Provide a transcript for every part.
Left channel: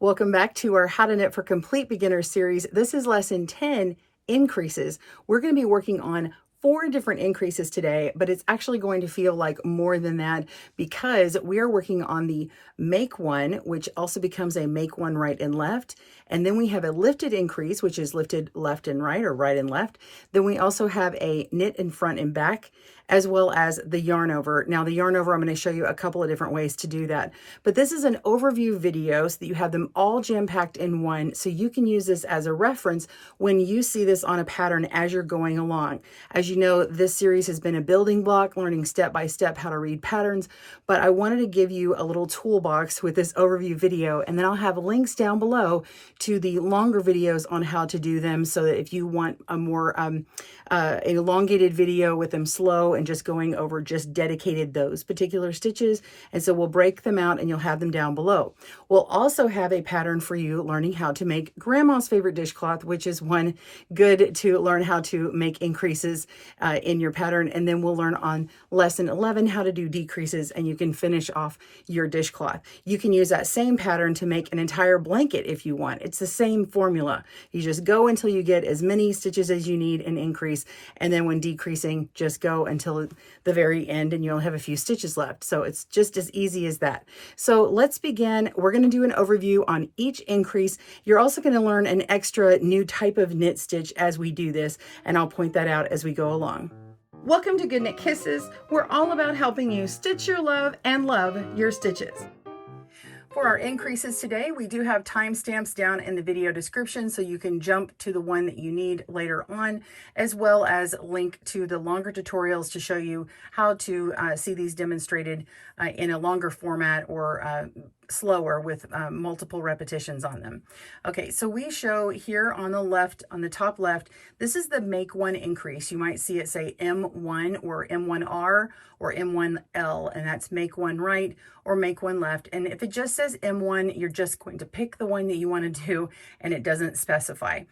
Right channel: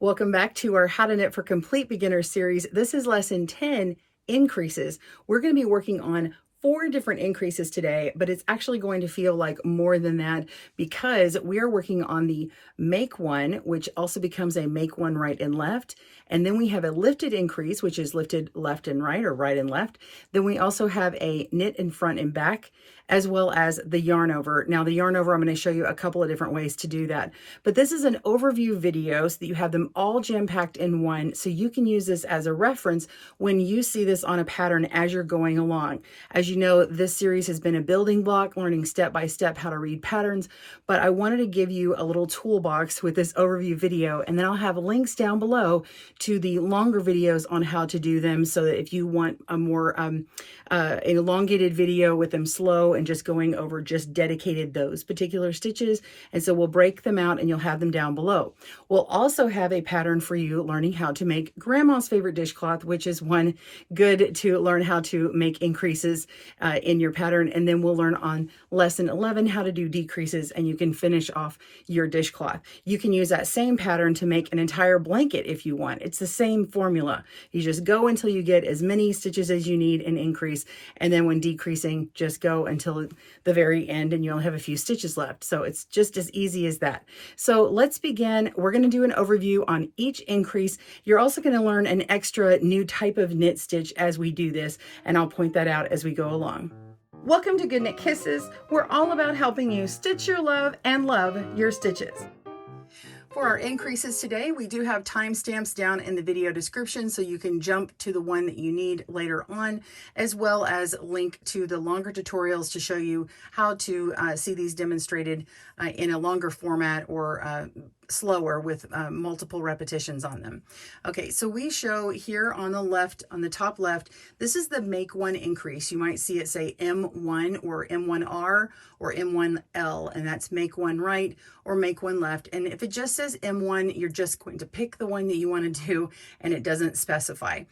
Welcome back to our How to Knit for Complete Beginners series. This is lesson 10, increases. We're going to be working on 4 different increases today, but it's actually going to feel like more than that because we are working on the make one, which also becomes a make one right and left. And then we have a lifted increase, which is lifted left and right or right and left. Then we also have a knit in front and back, as well as the yarn over. Now the yarn over, I'm going to show you a couple of different ways to do that. But this is an overview video so that you have them all jam-packed in one, so you can use this as a reference when you see this on a pattern as you're going along. As you know, this series has been a building block, learning step by step how to read patterns, but I wanted to give you a little toolbox with this overview video, and then I'll have links down below to the longer videos on how to do them, so that if you want a more elongated video with them slow and just going over just dedicated those particular stitches. And so we'll break them out and you'll have them down below. We'll also have a pattern for you learning how to make grandma's favorite dishcloth, which is one good to learn how to make increases in your pattern. And then we'll learn on lesson 11 how to do decreases, and you can finish off your dishcloth. You can use that same pattern to make an entire blanket if you want. It's the same formula. You just go until you get as many stitches as you need and increase, and then when decreasing, just go until the very end and you'll have a few stitches left. So it's just as easy as that. So let's begin. We're going to do an overview on each increase. You're also going to learn an extra new type of knit stitch as we do this, and I'll point that out as we go along. Welcome to Good Knit Kisses. We're all about helping you stitch your love and love your stitches. For our increases today, we do have timestamps down in the video description so you can jump to the one that you need later on, as well as link to the longer tutorials to show you how to see these demonstrated in a longer format or slower with multiple repetitions on them. Okay, so we show here on the left, on the top left, this is the make one increase. You might see it say M1 or M1R or M1L, and that's make one right or make one left. And if it just says M1, you're just going to pick the one that you want to do, and it doesn't specify.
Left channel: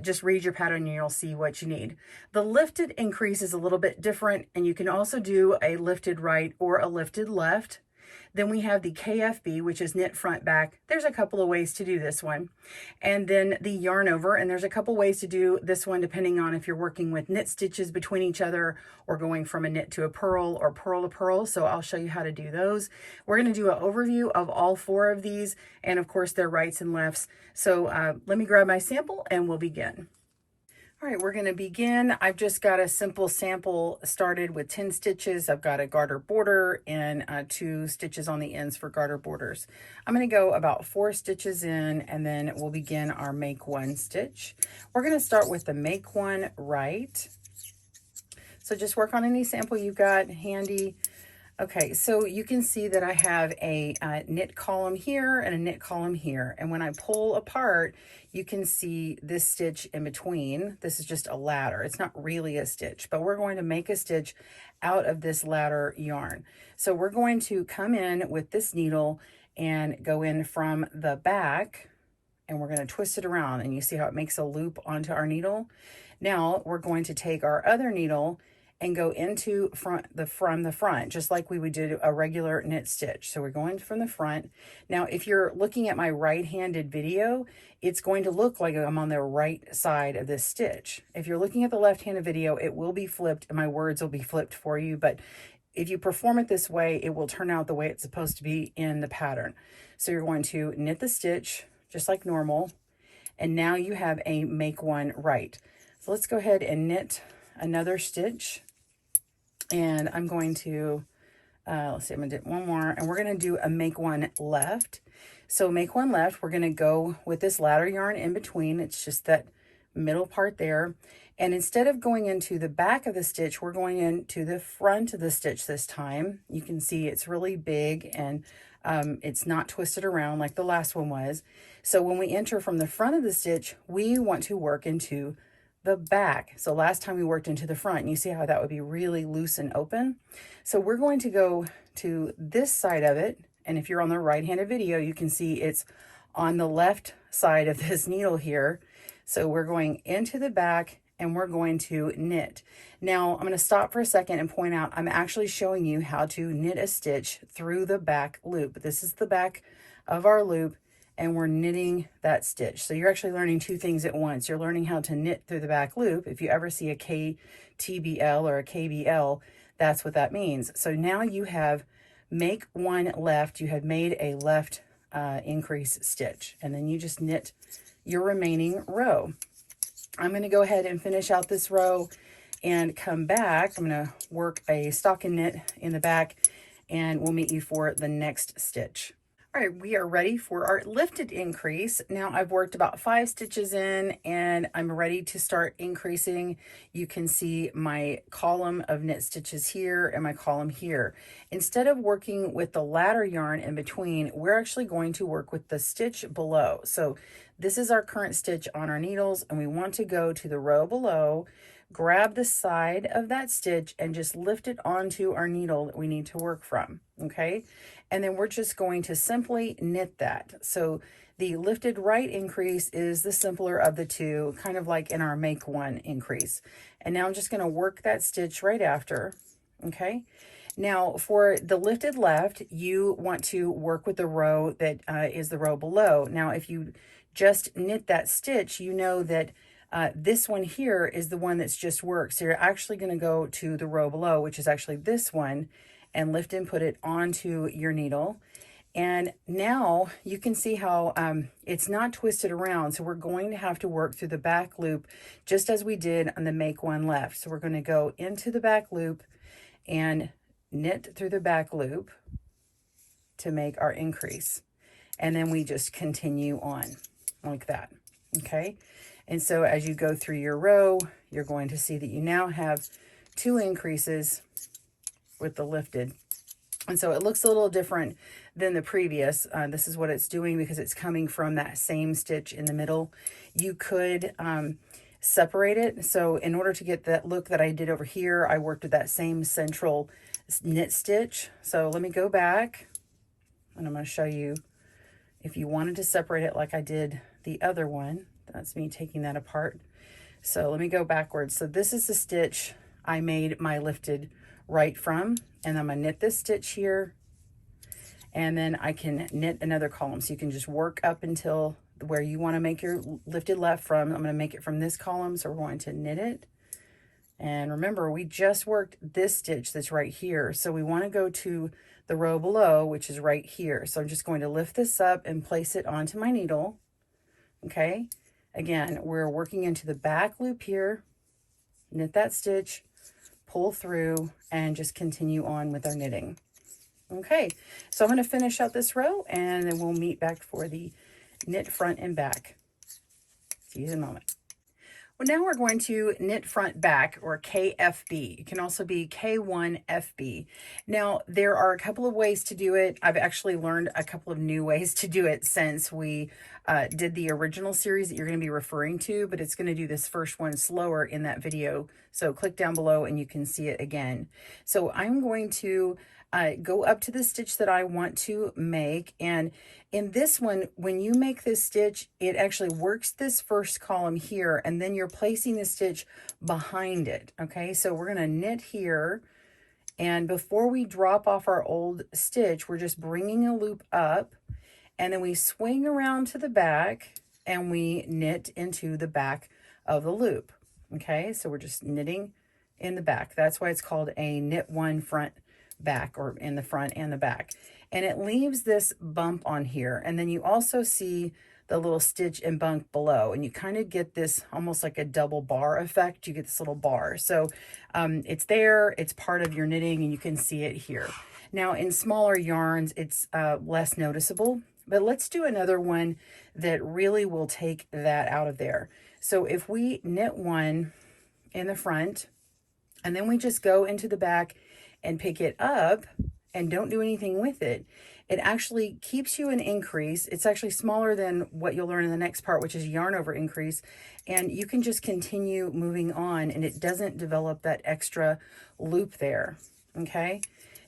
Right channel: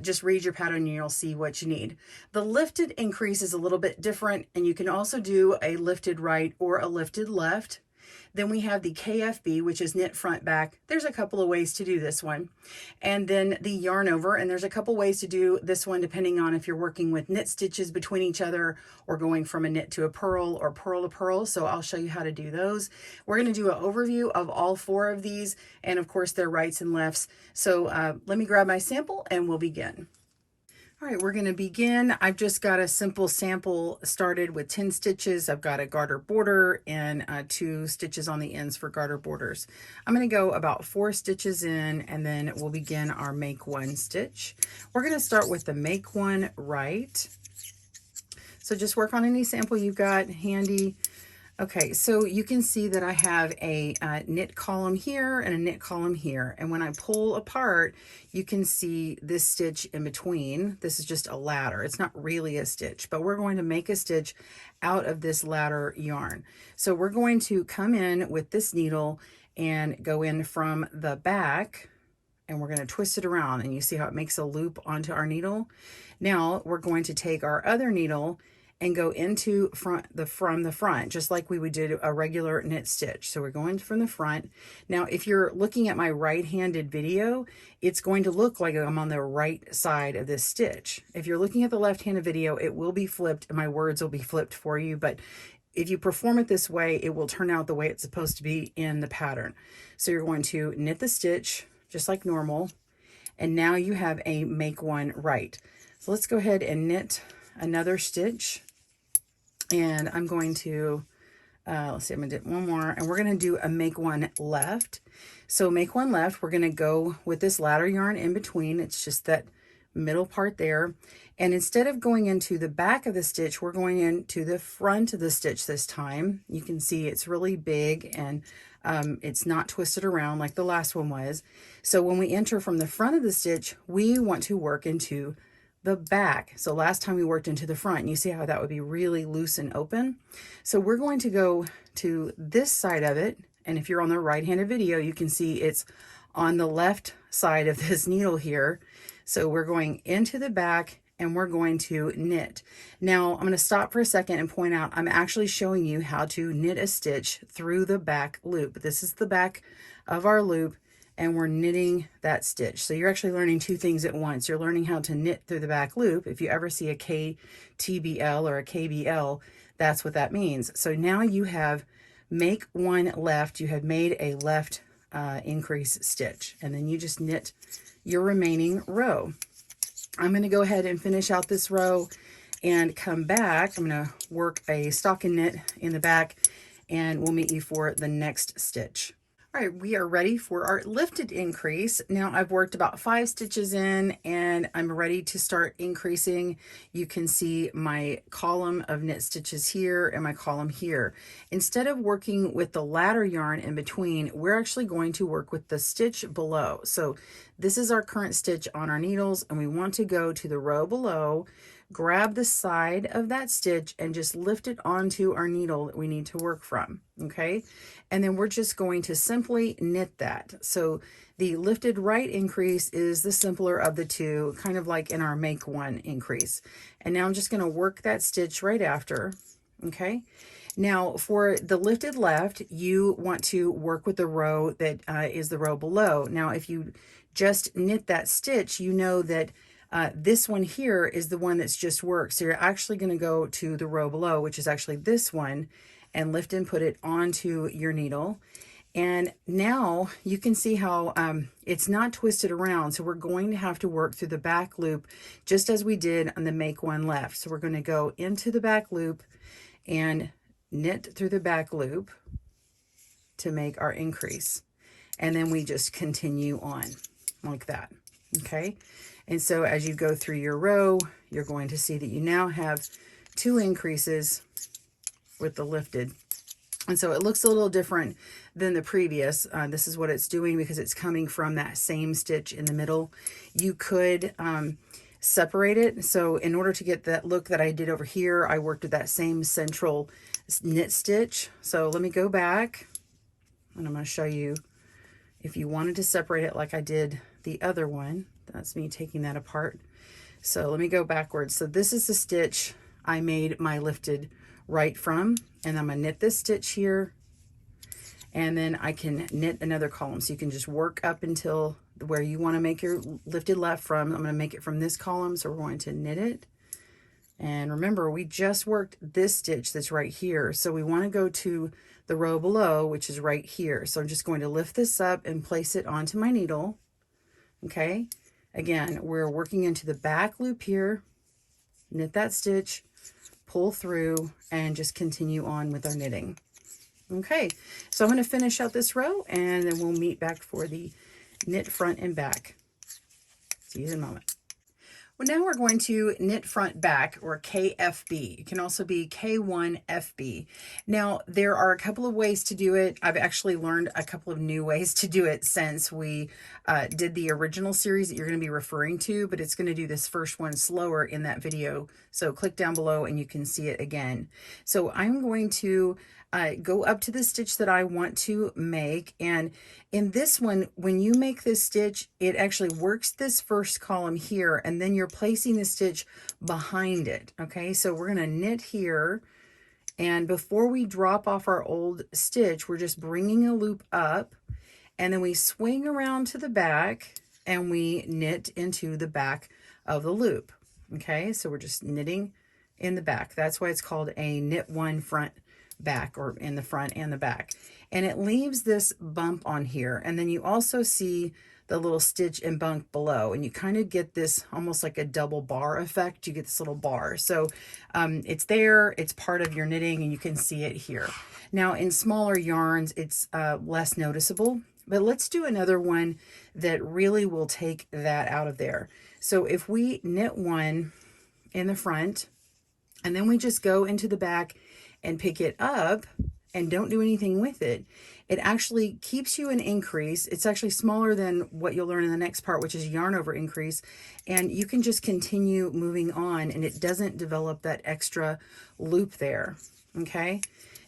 Just read your pattern and you'll see what you need. The lifted increase is a little bit different, and you can also do a lifted right or a lifted left. Then we have the KFB, which is knit front back. There's a couple of ways to do this one. And then the yarn over, and there's a couple ways to do this one depending on if you're working with knit stitches between each other or going from a knit to a purl or purl to purl. So I'll show you how to do those. We're going to do an overview of all 4 of these, and of course their rights and lefts. So let me grab my sample and we'll begin. All right, we're going to begin. I've just got a simple sample started with 10 stitches. I've got a garter border and 2 stitches on the ends for garter borders. I'm going to go about 4 stitches in, and then we'll begin our make one stitch. We're going to start with the make one right. So just work on any sample you've got handy. Okay, so you can see that I have a knit column here and a knit column here. And when I pull apart, you can see this stitch in between. This is just a ladder. It's not really a stitch, but we're going to make a stitch out of this ladder yarn. So we're going to come in with this needle and go in from the back, and we're going to twist it around, and you see how it makes a loop onto our needle. Now we're going to take our other needle and go into from the front, just like we would do a regular knit stitch. So we're going from the front. Now, if you're looking at my right-handed video, it's going to look like I'm on the right side of this stitch. If you're looking at the left-handed video, it will be flipped, and my words will be flipped for you, but if you perform it this way, it will turn out the way it's supposed to be in the pattern. So you're going to knit the stitch, just like normal, and now you have a make one right. So let's go ahead and knit another stitch. And I'm going to, let's see, I'm going to do one more, and we're going to do a make one left. So make one left, we're going to go with this ladder yarn in between. It's just that middle part there. And instead of going into the back of the stitch, we're going into the front of the stitch this time. You can see it's really big, and it's not twisted around like the last one was. So when we enter from the front of the stitch, we want to work into the back. So last time we worked into the front, and you see how that would be really loose and open. So we're going to go to this side of it, and if you're on the right-handed video, you can see it's on the left side of this needle here. So we're going into the back, and we're going to knit. Now I'm going to stop for a second and point out I'm actually showing you how to knit a stitch through the back loop. This is the back of our loop, and we're knitting that stitch. So you're actually learning two things at once. You're learning how to knit through the back loop. If you ever see a Ktbl or a KBL, that's what that means. So now you have make one left. You have made a left increase stitch, and then you just knit your remaining row. I'm going to go ahead and finish out this row and come back. I'm going to work a stocking knit in the back, and we'll meet you for the next stitch. All right, we are ready for our lifted increase. Now I've worked about 5 stitches in, and I'm ready to start increasing. You can see my column of knit stitches here and my column here. Instead of working with the ladder yarn in between, we're actually going to work with the stitch below. So this is our current stitch on our needles, and we want to go to the row below, grab the side of that stitch and just lift it onto our needle that we need to work from, okay? And then we're just going to simply knit that. So the lifted right increase is the simpler of the two, kind of like in our make one increase. And now I'm just going to work that stitch right after, okay? Now for the lifted left, you want to work with the row that is the row below. Now if you just knit that stitch, you know that this one here is the one that's just worked. So you're actually going to go to the row below, which is actually this one, and lift and put it onto your needle. And now you can see how it's not twisted around. So we're going to have to work through the back loop just as we did on the make one left. So we're going to go into the back loop and knit through the back loop to make our increase. And then we just continue on like that, okay? And so as you go through your row, you're going to see that you now have 2 increases with the lifted. And so it looks a little different than the previous. This is what it's doing because it's coming from that same stitch in the middle. You could separate it. So in order to get that look that I did over here, I worked with that same central knit stitch. So let me go back, and I'm going to show you if you wanted to separate it like I did the other one. That's me taking that apart. So let me go backwards. So this is the stitch I made my lifted right from, and I'm gonna knit this stitch here, and then I can knit another column. So you can just work up until where you want to make your lifted left from. I'm going to make it from this column, so we're going to knit it. And remember, we just worked this stitch that's right here, so we want to go to the row below, which is right here. So I'm just going to lift this up and place it onto my needle. Okay, again, we're working into the back loop here, knit that stitch, pull through, and just continue on with our knitting. Okay, so I'm going to finish out this row, and then we'll meet back for the knit front and back. See you in a moment. Well, now we're going to knit front back, or KFB. It can also be K1FB. Now, there are a couple of ways to do it. I've actually learned a couple of new ways to do it since we did the original series that you're going to be referring to, but it's going to do this first one slower in that video. So click down below and you can see it again. So I'm going to go up to the stitch that I want to make, and in this one, when you make this stitch, it actually works this first column here, and then you're placing the stitch behind it. Okay, so we're going to knit here, and before we drop off our old stitch, we're just bringing a loop up, and then we swing around to the back and we knit into the back of the loop. Okay, so we're just knitting in the back. That's why it's called a knit one front back, or in the front and the back, and it leaves this bump on here, and then you also see the little stitch and bump below, and you kind of get this almost like a double bar effect. You get this little bar, so it's there, it's part of your knitting, and you can see it here. Now in smaller yarns it's less noticeable, but let's do another one that really will take that out of there. So if we knit one in the front, and then we just go into the back and pick it up and don't do anything with it, it actually keeps you an increase. It's actually smaller than what you'll learn in the next part, which is yarn over increase, and you can just continue moving on, and it doesn't develop that extra loop there. Okay,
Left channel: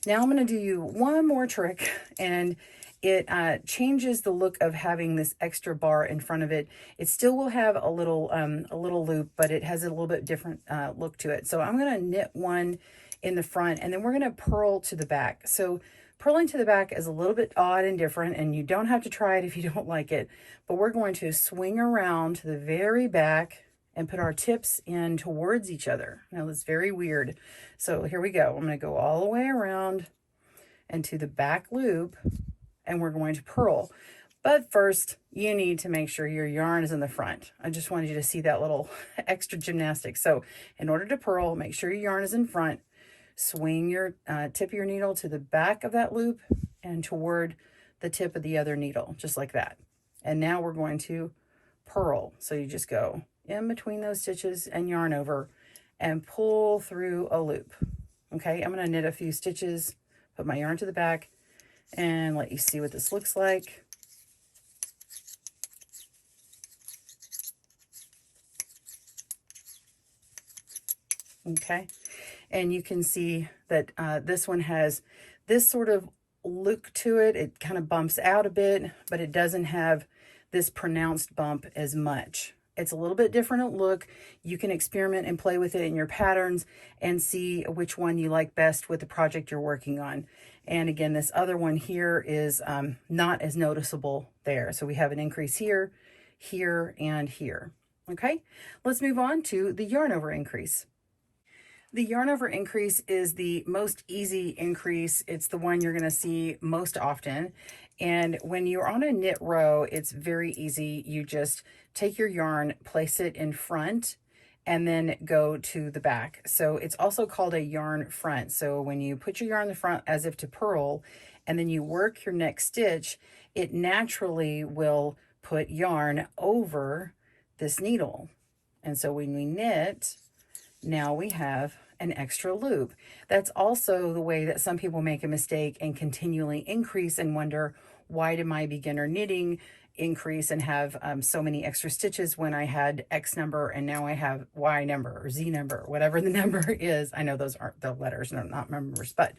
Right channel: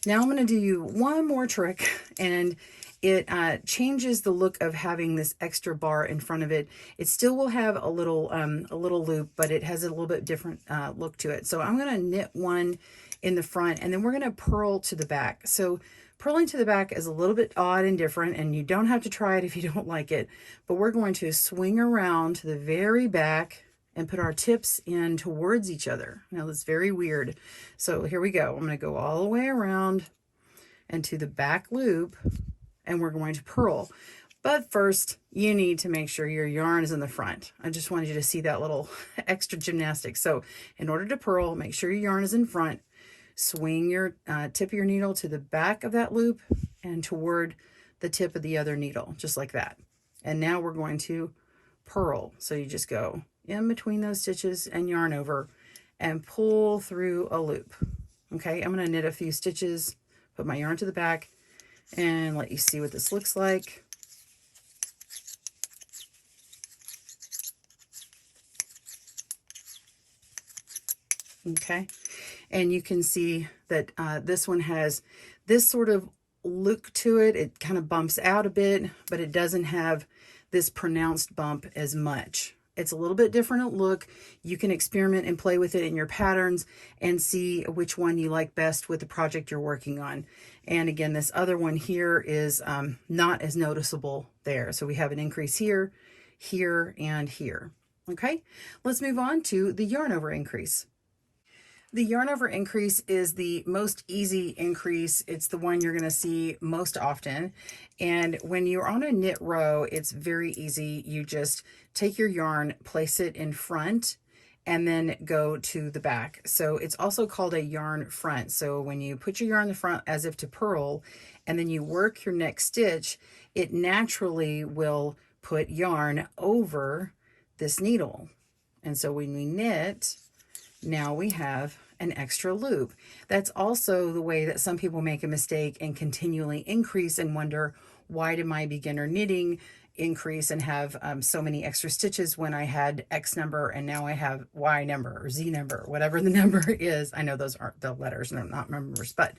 now I'm going to do you one more trick, and it changes the look of having this extra bar in front of it. It still will have a little loop, but it has a little bit different look to it. So I'm going to knit one in the front, and then we're going to purl to the back. So Purling to the back is a little bit odd and different, and you don't have to try it if you don't like it, but we're going to swing around to the very back and put our tips in towards each other. Now that's very weird. So here we go. I'm going to go all the way around and to the back loop, and we're going to purl. But first, you need to make sure your yarn is in the front. I just wanted you to see that little extra gymnastics. So in order to purl, make sure your yarn is in front. Swing your tip of your needle to the back of that loop and toward the tip of the other needle, just like that. And now we're going to purl. So you just go in between those stitches and yarn over and pull through a loop. Okay, I'm going to knit a few stitches, put my yarn to the back, and let you see what this looks like. Okay, and you can see that this one has this sort of look to it. It kind of bumps out a bit, but it doesn't have this pronounced bump as much. It's a little bit different look. You can experiment and play with it in your patterns and see which one you like best with the project you're working on. And again, this other one here is not as noticeable there. So we have an increase here, here, and here. Okay, let's move on to the yarn over increase. The yarn over increase is the most easy increase. It's the one you're going to see most often. And when you're on a knit row, it's very easy. You just take your yarn, place it in front, and then go to the back. So it's also called a yarn front. So when you put your yarn in the front as if to purl, and then you work your next stitch, it naturally will put yarn over this needle. And so when we knit, now we have an extra loop. That's also the way that some people make a mistake and continually increase and wonder, why did my beginner knitting increase and have so many extra stitches when I had X number and now I have Y number or Z number, whatever the number is. I know those aren't the letters and not numbers, but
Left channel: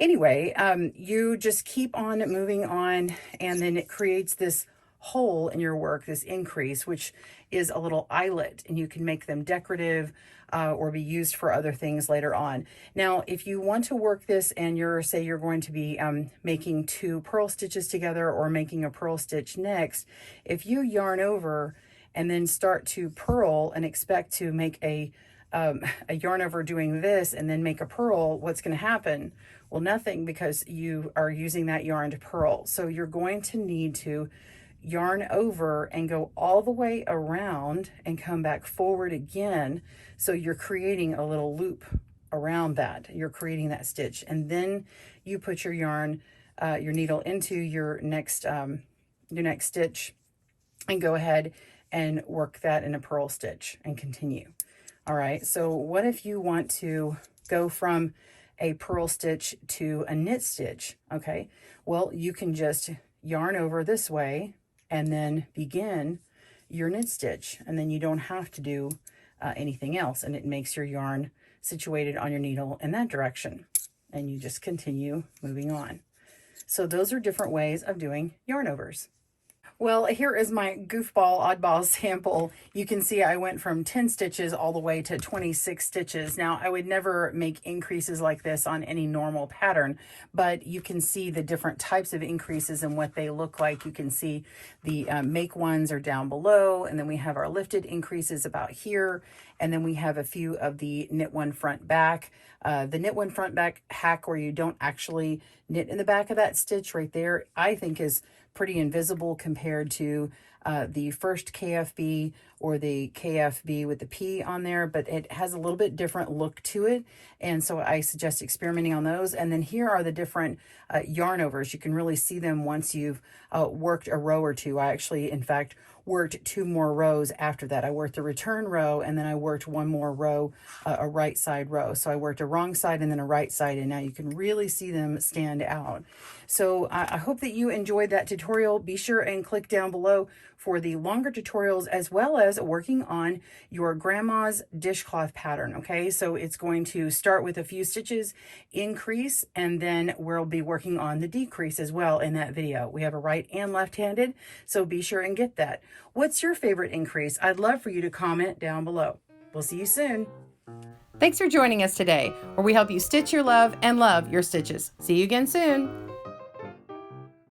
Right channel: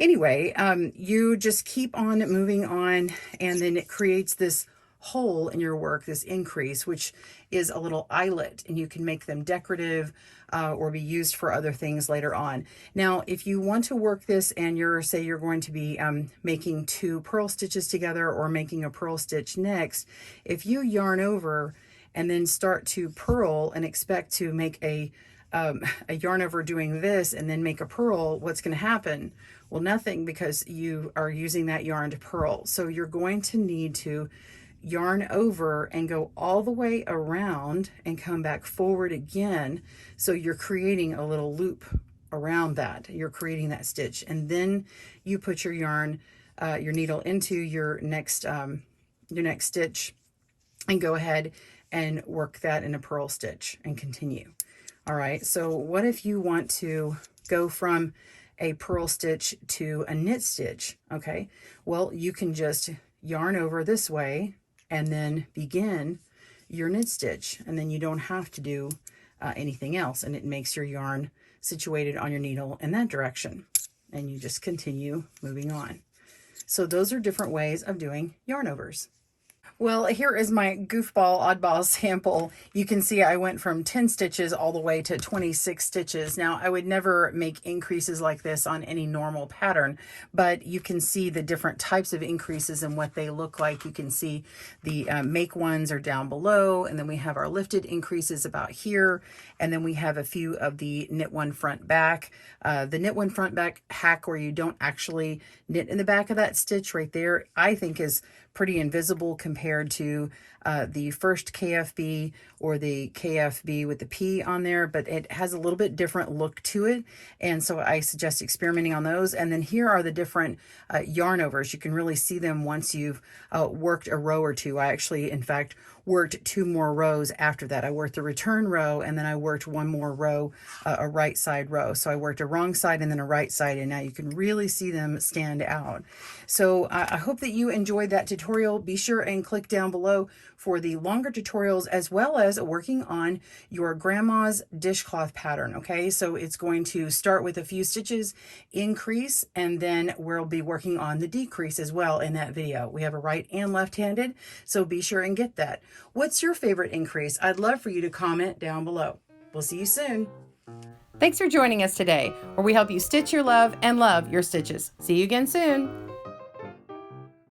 anyway, you just keep on moving on, and then it creates this hole in your work, this increase, which is a little eyelet, and you can make them decorative or be used for other things later on. Now, if you want to work this and say you're going to be making 2 purl stitches together or making a purl stitch next, if you yarn over and then start to purl and expect to make a yarn over doing this and then make a purl, what's going to happen? Well, nothing, because you are using that yarn to purl. So you're going to need to yarn over and go all the way around and come back forward again. So you're creating a little loop around that. You're creating that stitch, and then you put your yarn, your needle into your next stitch, and go ahead and work that in a purl stitch and continue. All right, so what if you want to go from a purl stitch to a knit stitch? Okay, well, you can just yarn over this way and then begin your knit stitch, and then you don't have to do anything else, and it makes your yarn situated on your needle in that direction, and you just continue moving on. So those are different ways of doing yarn overs. Well, here is my goofball oddball sample. You can see I went from 10 stitches all the way to 26 stitches. Now, I would never make increases like this on any normal pattern, but you can see the different types of increases and what they look like. You can see the make ones are down below, and then we have our lifted increases about here, and then we have a few of the knit one front back. The knit one front back hack, where you don't actually knit in the back of that stitch right there, I think is pretty invisible compared to the first KFB or the KFB with the P on there, but it has a little bit different look to it, and so I suggest experimenting on those. And then here are the different yarn overs. You can really see them once you've worked a row or two. I actually, in fact, worked 2 more rows after that. I worked a return row, and then I worked 1 more row, a right side row. So I worked a wrong side and then a right side, and now you can really see them stand out. So I hope that you enjoyed that tutorial. Be sure and click down below for the longer tutorials, as well as working on your grandma's dishcloth pattern. Okay, so it's going to start with a few stitches, increase, and then we'll be working on the decrease as well in that video. We have a right and left-handed, so be sure and get that. What's your favorite increase? I'd love for you to comment down below. We'll see you soon. Thanks for joining us today, where we help you stitch your love and love your stitches. See you again soon.